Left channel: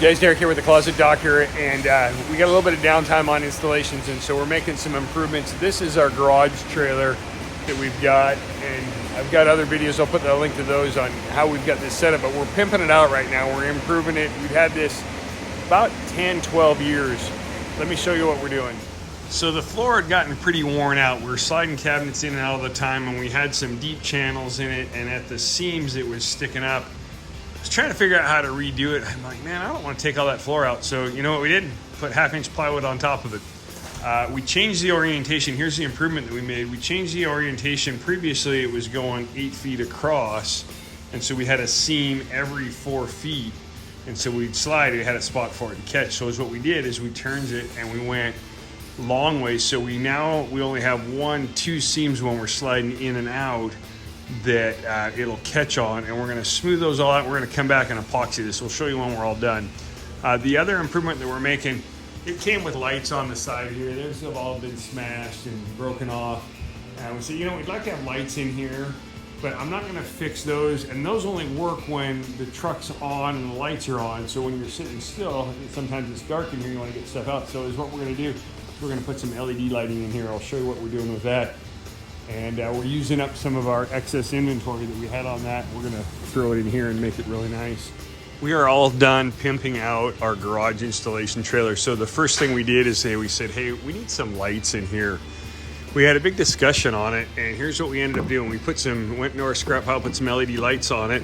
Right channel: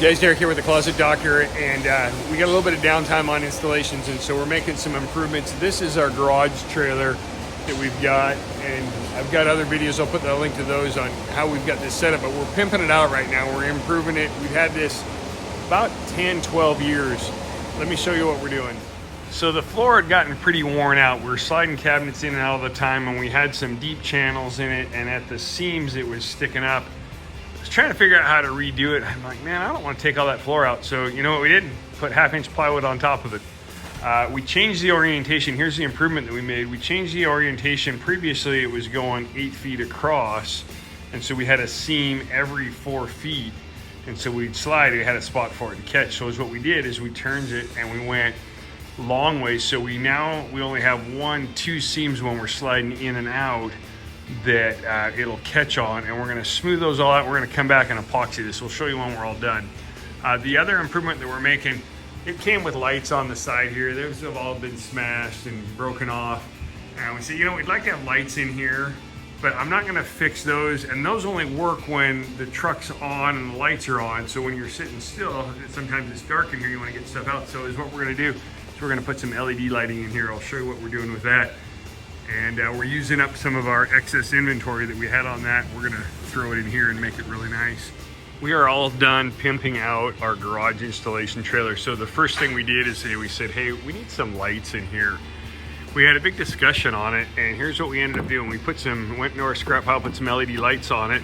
Guys, Derrek here with the Closet Doctor, and we got a little bit of downtime on installations, and so we're making some improvements. This is our garage trailer that we've got, and I've got other videos. I'll put the link to those on how we've got this set up, but we're pimping it out right now. We're improving it. We've had this about 10, 12 years. Let me show you what we're doing. So the floor had gotten pretty worn out. We're sliding cabinets in and out all the time, and we had some deep channels in it, and at the seams it was sticking up. Trying to figure out how to redo it. I'm like, man, I don't want to take all that floor out. So you know what we did? Put 1/2-inch plywood on top of it. We changed the orientation. Here's the improvement that we made. We changed the orientation. Previously it was going 8 feet across, and so we had a seam every 4 feet, and so we'd slide it, had a spot for it to catch. So what we did is we turned it and we went long ways. So we only have 1-2 seams when we're sliding in and out that it'll catch on, and we're going to smooth those all out. We're going to come back and epoxy this. We'll show you when we're all done. The other improvement that we're making, it came with lights on the side here. Those have all been smashed and broken off, and we said, you know, we'd like to have lights in here, but I'm not going to fix those, and those only work when the truck's on and the lights are on. So when you're sitting still, sometimes it's dark in here, you want to get stuff out. So is what we're going to do is we're going to put some LED lighting in here. I'll show you what we're doing with that. And we're using up some of our excess inventory that we had on that. We're gonna throw it in here and make it really nice. We are all done pimping out our garage installation trailer. So the first thing we did is we said, hey, we need some lights in here. We had a big discussion on it, and here's what we ended up doing. We went into our scrap pile, put some LED lights on it,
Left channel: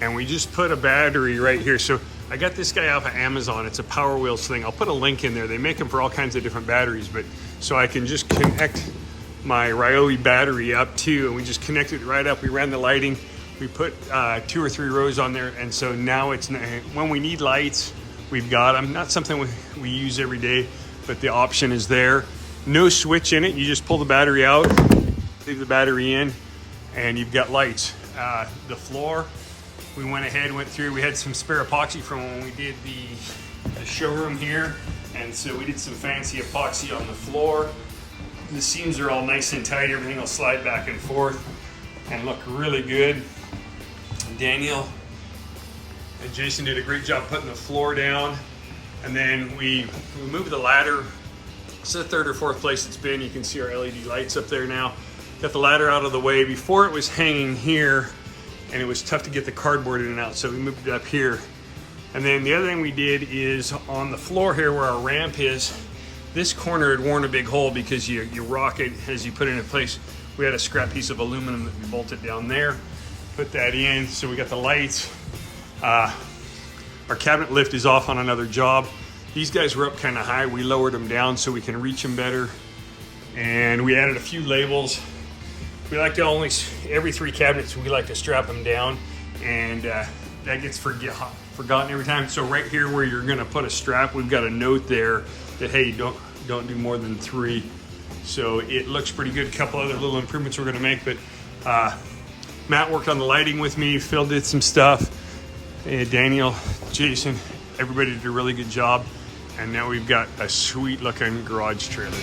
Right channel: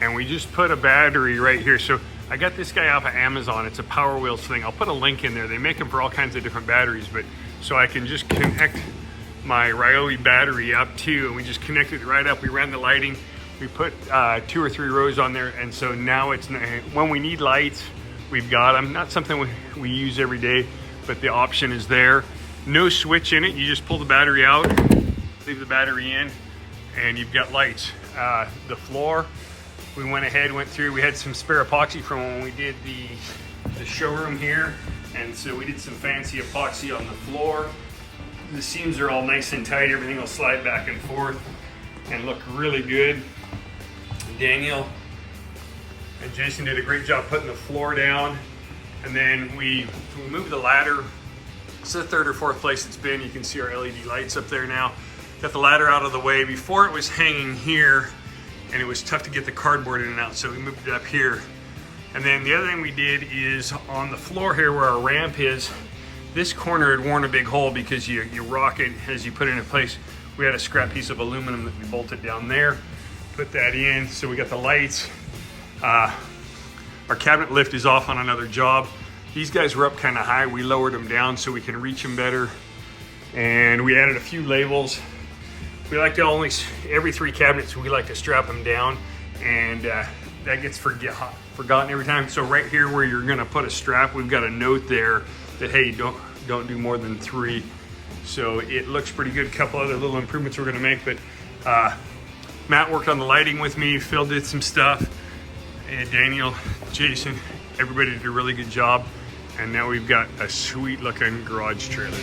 and we just put a battery right here. So I got this guy off of Amazon. It's a Power Wheels thing. I'll put a link in there. They make them for all kinds of different batteries, but so I can just connect my Ryobi battery up too, and we just connected it right up. We ran the lighting. We put 2 or 3 rows on there, and so now it's, when we need lights, we've got them. Not something we use every day, but the option is there. No switch in it. You just pull the battery out, leave the battery in, and you've got lights. The floor, we went through. We had some spare epoxy from when we did the showroom here, and so we did some fancy epoxy on the floor. The seams are all nice and tight. Everything will slide back and forth and look really good. Daniel and Jason did a great job putting the floor down. And then we moved the ladder. It's the 3rd or 4th place it's been. You can see our LED lights up there now. Got the ladder out of the way. Before it was hanging here, and it was tough to get the cardboard in and out, so we moved it up here. And then the other thing we did is on the floor here where our ramp is, this corner had worn a big hole because you rock it as you put it in place. We had a scrap piece of aluminum that we bolted down there, put that in. So we got the lights. Our cabinet lift is off on another job. These guys were up kind of high. We lowered them down so we can reach them better. And we added a few labels. We like to every 3 cabinets, we like to strap them down, and that gets forgotten every time. So right here where you're gonna put a strap, we've got a note there that, hey, don't do more than 3. So it looks pretty good. A couple other little improvements we're gonna make, but Matt worked on the lighting with me, Phil did some stuff, Daniel, Jason, everybody did a really good job, and now we've got a sweet looking garage trailer.